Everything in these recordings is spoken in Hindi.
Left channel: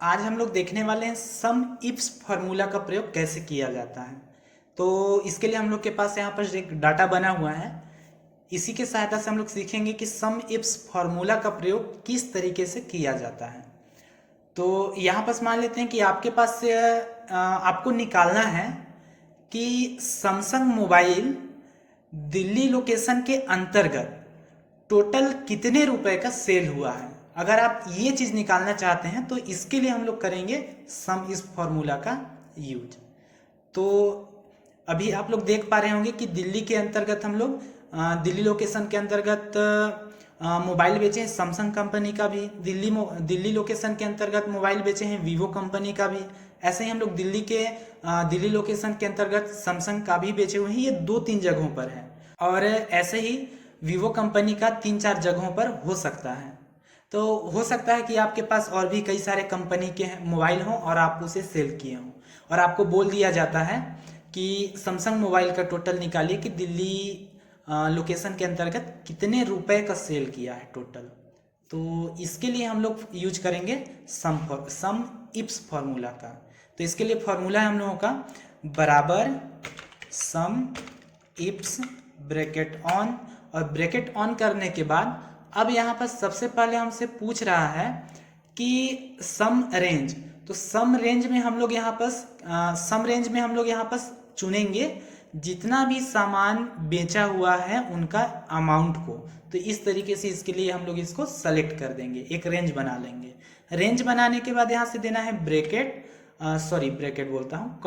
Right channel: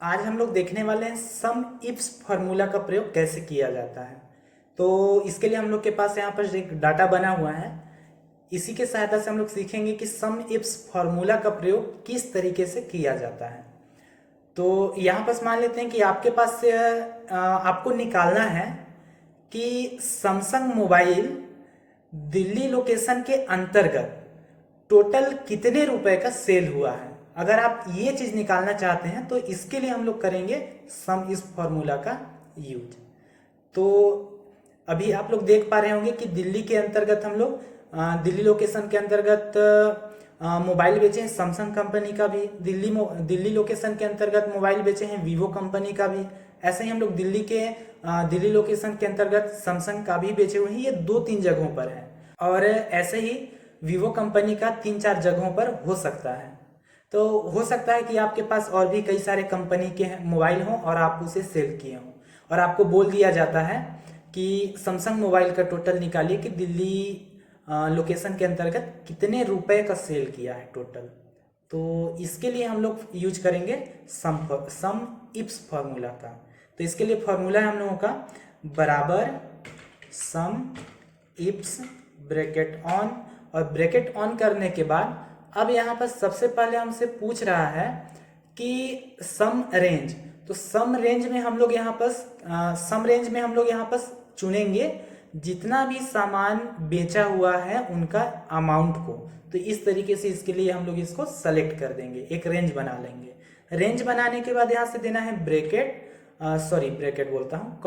आज हम लोग देखने वाले हैं सम इफ्स फार्मूला का प्रयोग कैसे किया जाता है। तो इसके लिए हम लोग के पास यहाँ पर एक डाटा बना हुआ है। इसी के सहायता से हम लोग सीखेंगे कि सम इफ्स फार्मूला का प्रयोग किस तरीके से किया जाता है। तो यहाँ पर मान लेते हैं कि आपके पास से आपको निकालना है कि सैमसंग मोबाइल दिल्ली लोकेशन के अंतर्गत टोटल कितने रुपए का सेल हुआ है। अगर आप ये चीज निकालना चाहते हैं तो इसके लिए हम लोग करेंगे सम इस फॉर्मूला का यूज। तो अभी आप लोग देख पा रहे होंगे कि दिल्ली के अंतर्गत हम लोग दिल्ली लोकेशन के अंतर्गत मोबाइल बेचे हैं सैमसंग कंपनी का भी। दिल्ली लोकेशन के अंतर्गत मोबाइल बेचे हैं वीवो कंपनी का भी। ऐसे ही हम लोग दिल्ली लोकेशन के अंतर्गत सैमसंग का भी बेचे हुए हैं। ये 2-3 जगहों पर है और ऐसे ही वीवो कंपनी का 3-4 जगहों पर हो सकता है। तो हो सकता है कि आपके पास और भी कई सारे कंपनी के मोबाइल हों और आप उसे सेल किए हों और आपको बोल दिया जाता है कि सैमसंग मोबाइल का टोटल निकालिए कि दिल्ली लोकेशन के अंतर्गत कितने रुपए का सेल किया है टोटल। तो इसके लिए हम लोग यूज करेंगे सम इप्स फार्मूला का। तो इसके लिए फार्मूला है हम लोगों का बराबर सम इप्स ब्रैकेट ऑन, और ब्रैकेट ऑन करने के बाद अब यहाँ पर सबसे पहले हमसे पूछ रहा है कि सम रेंज। तो सम रेंज में हम लोग यहाँ पर चुनेंगे जितना भी सामान बेचा हुआ है उनका अमाउंट को। तो इस तरीके से इसके लिए हम लोग इसको सेलेक्ट कर देंगे, एक रेंज बना लेंगे। रेंज बनाने के बाद यहाँ से देना है ब्रैकेट बोलता हूँ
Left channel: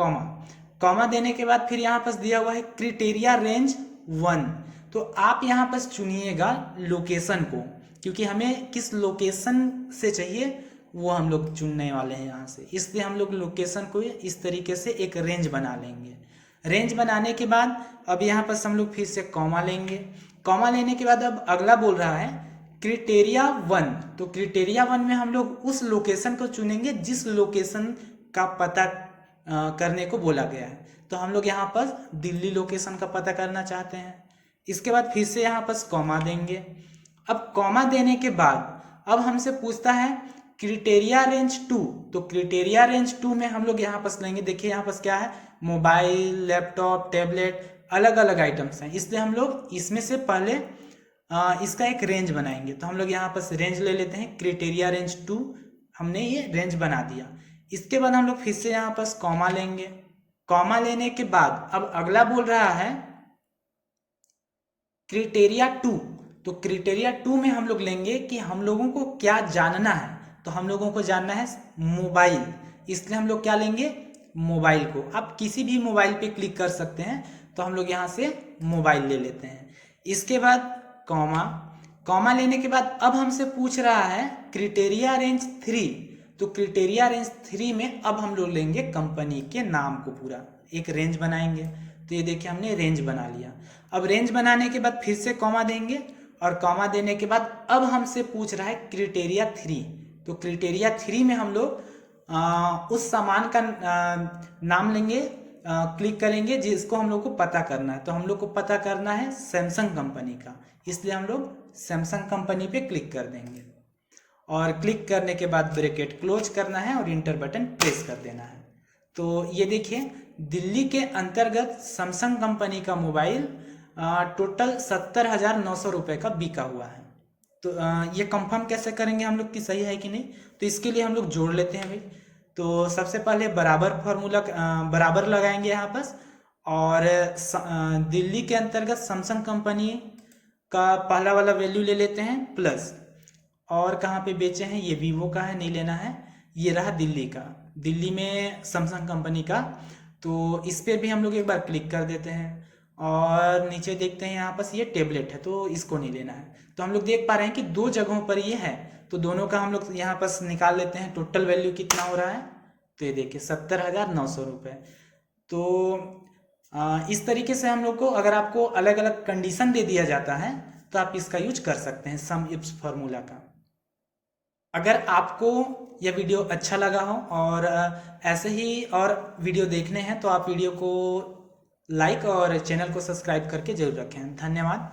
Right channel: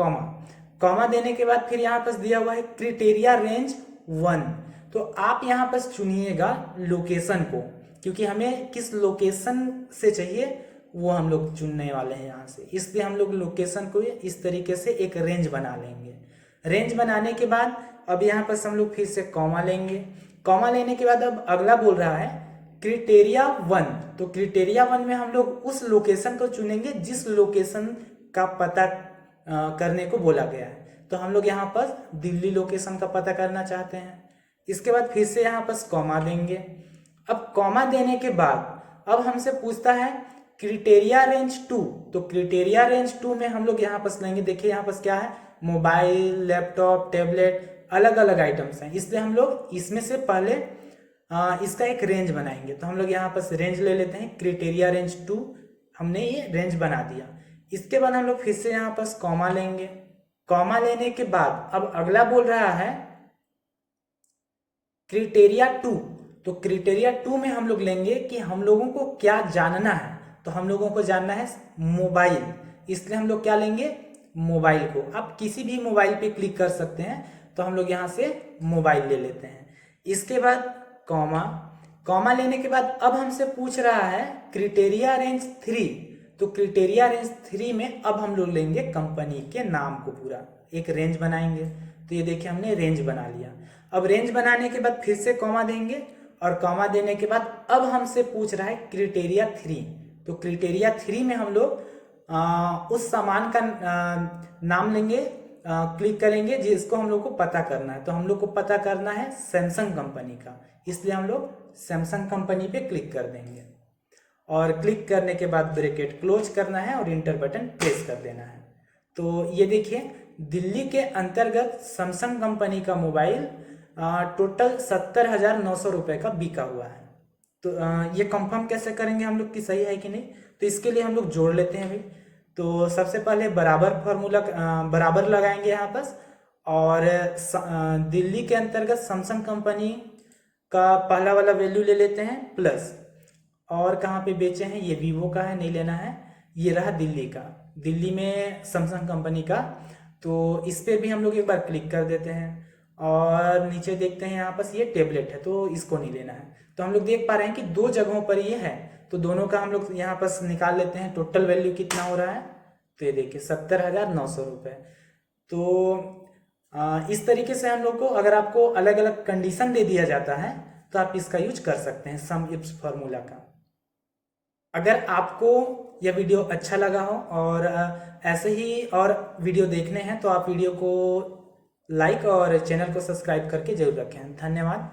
कॉमा देने के बाद फिर यहाँ पर दिया हुआ है क्राइटेरिया रेंज 1। तो आप यहाँ पर चुनिएगा लोकेशन को, क्योंकि हमें किस लोकेशन से चाहिए वो हम लोग चुनने वाले हैं यहाँ से। इसलिए हम लोग लोकेशन को इस तरीके से एक रेंज बना लेंगे। रेंज बनाने के बाद अब यहाँ पर हम लोग फिर से कॉमा लेंगे। कॉमा लेने के बाद अब अगला बोल रहा है क्राइटेरिया 1। तो क्राइटेरिया 1 में हम लोग उस लोकेशन को चुनेंगे जिस लोकेशन का पता करने को बोला गया है। तो हम लोग यहाँ पर दिल्ली लोकेशन का पता करना चाहते हैं। इसके बाद फिर से यहाँ पर कॉमा देंगे। अब कॉमा देने के बाद अब हमसे पूछता है क्राइटेरिया रेंज 2। तो क्राइटेरिया रेंज 2 में हम लोग यहाँ पर लेंगे। देखिए यहाँ पर क्या है, मोबाइल, लैपटॉप, टैबलेट, अलग अलग आइटम्स हैं। इसलिए हम लोग इसमें से पहले इसका एक रेंज बनाएंगे। तो हम लोग यहाँ पर रेंज ले लेते हैं क्राइटेरिया रेंज 2। हमने ये रेंज बना दिया। इसके बाद हम लोग फिर से यहाँ पर कॉमा लेंगे। कॉमा लेने के बाद अब अगला बोल रहा है क्राइटेरिया 2। तो क्राइटेरिया 2 में हम लोग लेंगे कि हम लोगों को क्या जानना है। तो हम लोगों को जानना है मोबाइल, इसलिए हम लोग क्या लेंगे, मोबाइल को। आप किसी भी मोबाइल पे क्लिक कर सकते हैं। तो हम लोग यहाँ से मोबाइल ले लेते हैं। इसके बाद कॉमा लेने के बाद अब हमसे पूछ रहा है क्राइटेरिया रेंज 3। तो क्राइटेरिया रेंज 3 में अब हम लोग लेंगे कंपनी के नाम को, पूरा एक रेंज बनाएंगे। तो ये देखिए हमने रेंज बना लिया। अब रेंज बनाने के बाद फिर से कॉमा देंगे और कॉमा देने के बाद अब हमसे पूछ रहा है क्राइटेरिया 3। तो क्राइटेरिया 3 में हम लोग उस सामान का नाम लेंगे, क्लिक करेंगे जिसको हम लोग को पता करना है। तो हम लोग को पता करना है सैमसंग कंपनी का, इसलिए हम लोग सैमसंग कंपनी पे क्लिक कर देंगे। और क्लिक करने के बाद ब्रैकेट क्लोज करना है और इंटर बटन प्रेस कर देना है। तो ये देखिए दिल्ली के अंतर्गत सैमसंग कंपनी का मोबाइल टोटल 70,900 रुपये का बिका हुआ है। तो ये कंफर्म कैसे करेंगे हम लोग कि सही है कि नहीं। तो इसके लिए हम लोग जोड़ लेते हैं भाई। तो सबसे पहले बराबर लगाएंगे यहाँ पर, और दिल्ली के अंतर्गत सैमसंग कंपनी का पहला वाला वैल्यू ले लेते हैं प्लस, और कहाँ पे बेचे हैं ये वीवो का है, नहीं लेना है। ये रहा दिल्ली का, दिल्ली में सैमसंग कंपनी का। तो इस पर भी हम लोग एक बार क्लिक कर देते हैं और नीचे देखते हैं यहाँ पर ये टैबलेट है, तो इसको नहीं लेना है। तो हम लोग देख पा रहे हैं कि 2 जगहों पर ये है। तो दोनों का हम लोग यहाँ पर निकाल लेते हैं टोटल वैल्यू कितना हो रहा है। तो ये देखिए 70,900 रुपये। तो इस तरीके से हम लोग को, अगर आपको अलग अलग कंडीशन दे दिया जाता है तो आप इसका यूज कर सकते हैं सम इप्स फार्मूला का। अगर आपको यह वीडियो अच्छा लगा हो और ऐसे ही और वीडियो देखने हैं तो आप वीडियो को लाइक और चैनल को सब्सक्राइब करके जरूर रखें। धन्यवाद।